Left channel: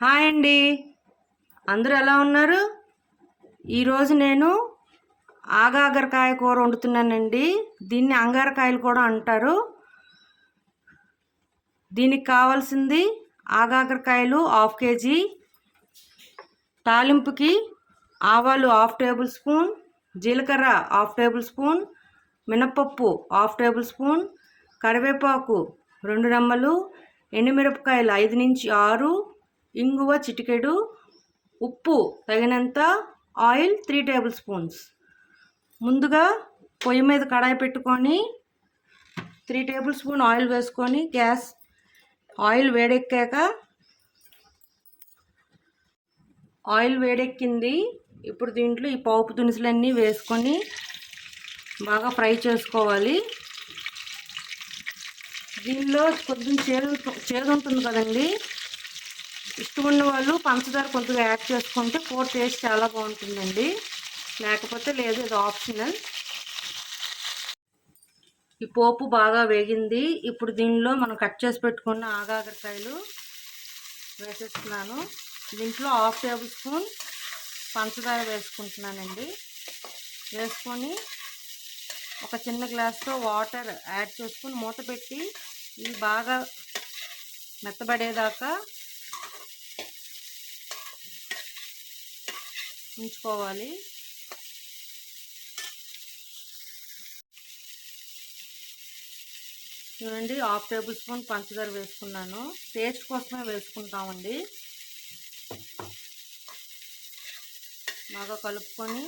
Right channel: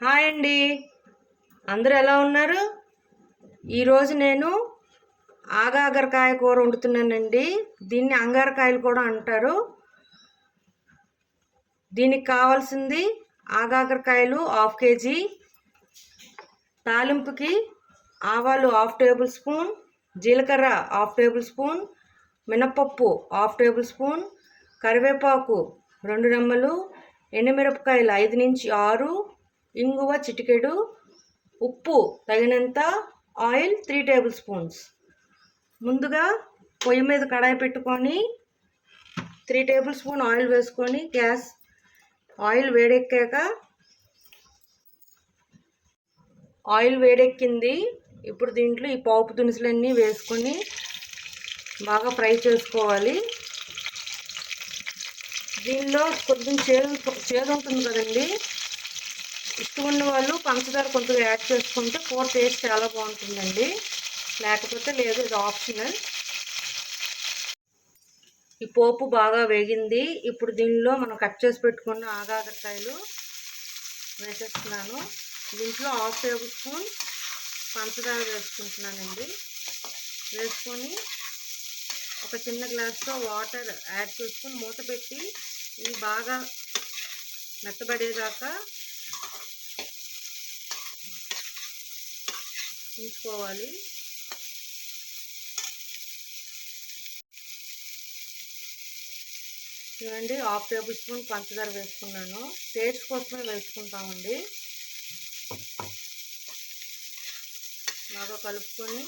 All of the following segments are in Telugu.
హాయ్ అండి, అందరూ ఎలా ఉన్నారు? ఈరోజు నేను ఆగాకరకాయ కూర వండుతున్నానండి. దీన్ని అంగారకాయలు కూడా అంటారు. దీనికి కావాల్సింది ఆగాకరకాయలు 1/2 కేజీ, తాలింపుకి ఆవాలు 1/2 టేబుల్ స్పూన్, జీలకర్ర 1/2 టేబుల్ స్పూన్, మినపప్పు 1/2 టేబుల్ స్పూన్, కరివేపాకు 2 రెమ్మలు, ఎండుమిరపకాయలు 5 నుంచి 6, ఇంగువ చిటికెడు, ఉప్పు తగినంత, ఆయిల్ 3 టేబుల్ స్పూన్స్. ముందుగా పొయ్యి మీద కడాయి పెట్టుకొని 3 టేబుల్ స్పూన్ ఆయిల్ వేసుకొని ఆయిల్ వేడెక్కింది. ఇప్పుడు దీంట్లో ఈ పోపు దినుసులన్నీ వేసుకొని బాగా ఫ్రై చేసుకోవాలి. దీనిలో కొంచెం చేదు ఉంటుంది కదండి, ఇష్టమున్న వాళ్ళు పంచదార కొంచెం యాడ్ చేసుకుంటే కూర టేస్ట్ చాలా బాగుంటుందండి, లేకపోతే లేదు, ఇది ఆప్షనల్. ఈ పోపు బాగా వేగింది. ఇప్పుడు దీనిలో మనం కట్ చేసి పెట్టుకున్న ఆగాకరకాయలు వేసేస్తున్నాను. దీంట్లో 1/2 టేబుల్ స్పూన్ పంచదార వేసుకుంటున్నానండి. వేసుకొని ఒక చిన్న గ్లాస్తో వాటర్ యాడ్ చేసుకుని మూత పెట్టి ఇవి బాగా మెత్తబడేదాకా ఉంచుకోవాలి. చూడండి, 1/2 టేబుల్ స్పూన్ పంచదార వేసుకున్నాను. టేస్ట్ కోసమే వేసుకుంటామండి. బాగా కలుపుకొని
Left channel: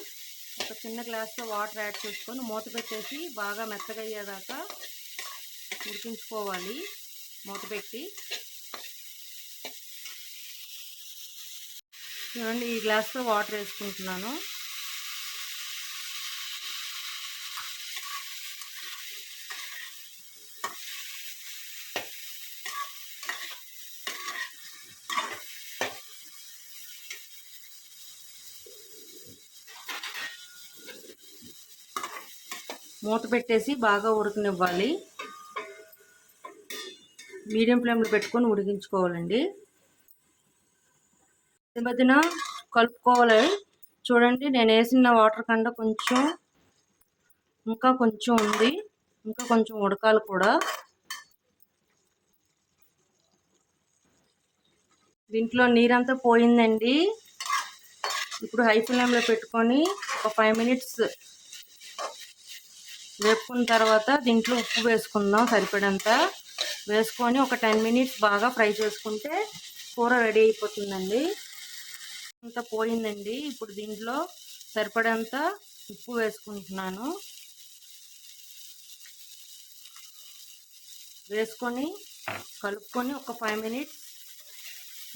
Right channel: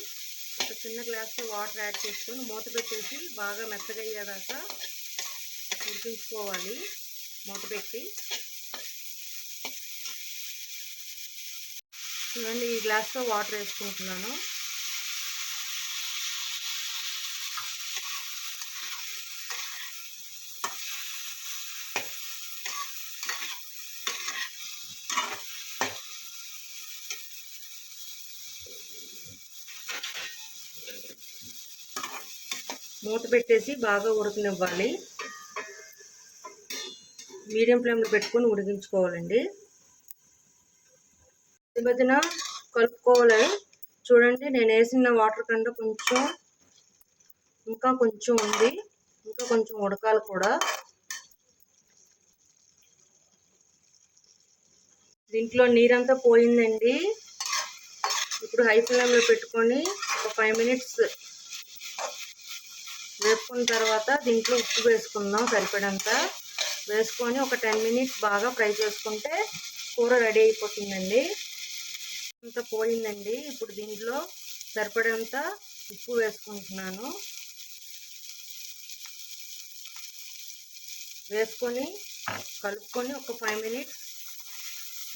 ఒక చిన్న గ్లాస్తో వాటర్ యాడ్ చేసుకొని మూత పెట్టేసి బాగా మెత్తగా అయ్యేదాకా ఉడికించుకోవాలి. మూత పెట్టి చూడండి, ఈ గ్లాస్తో వాటర్ వేసుకుంటున్నాను. మూత పెట్టేసి బాగా ఉడకనివ్వాలి. మీడియం ఫ్లేమ్లో పెట్టుకొని ఉడికించుకోవాలండి. ఈ మధ్యన కలుపుకోవాలి. చూడండి, నేను వేసిన వాటర్ కన్నా ఇంకా కొంచెం ఉంది, ఇంకా కొంచెం ఉడకాలి కూడా. దీంట్లో నీరంతా పోయిందండి. ఇప్పుడు హై ఫ్లేమ్లో పెట్టుకొని ఒక 5 మినిట్స్ వేపుకున్న తర్వాత దీంట్లో ఉప్పు వేసుకుందాం సరిపడంత. వేసుకొని ఒక 10 మినిట్స్ బాగా ఫ్రై చేసుకుంటే కూర రెడీ అయిపోతుందండి. అంతా పోయిందండి. ఇప్పుడు దీంట్లో సరిపడంత ఉప్పు వేసుకుంటున్నాను. వేసుకొని కలుపుకొని ఒక 5 మినిట్స్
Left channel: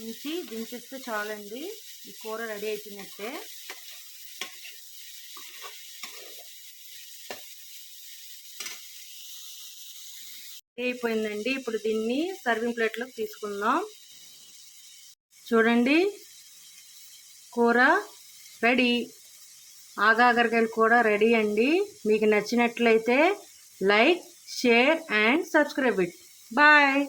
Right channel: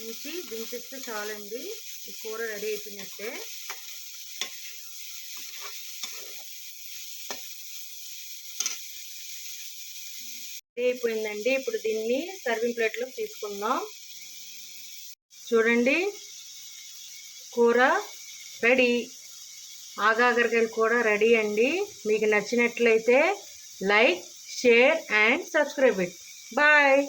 ఉంచి దించేస్తే చాలండి. ఈ కూర రెడీ అయిపోయినట్టే. రెడీ అయిపోయిందండి. ఇప్పుడు దీన్ని సర్వింగ్ ప్లేట్లోకి తీసుకుందాం. చూడండి, కూర రెడీ. ఆగాకరకాయలు కూర రెడీ అండి. మీకు నచ్చినట్లయితే like, share and subscribe it. Bye.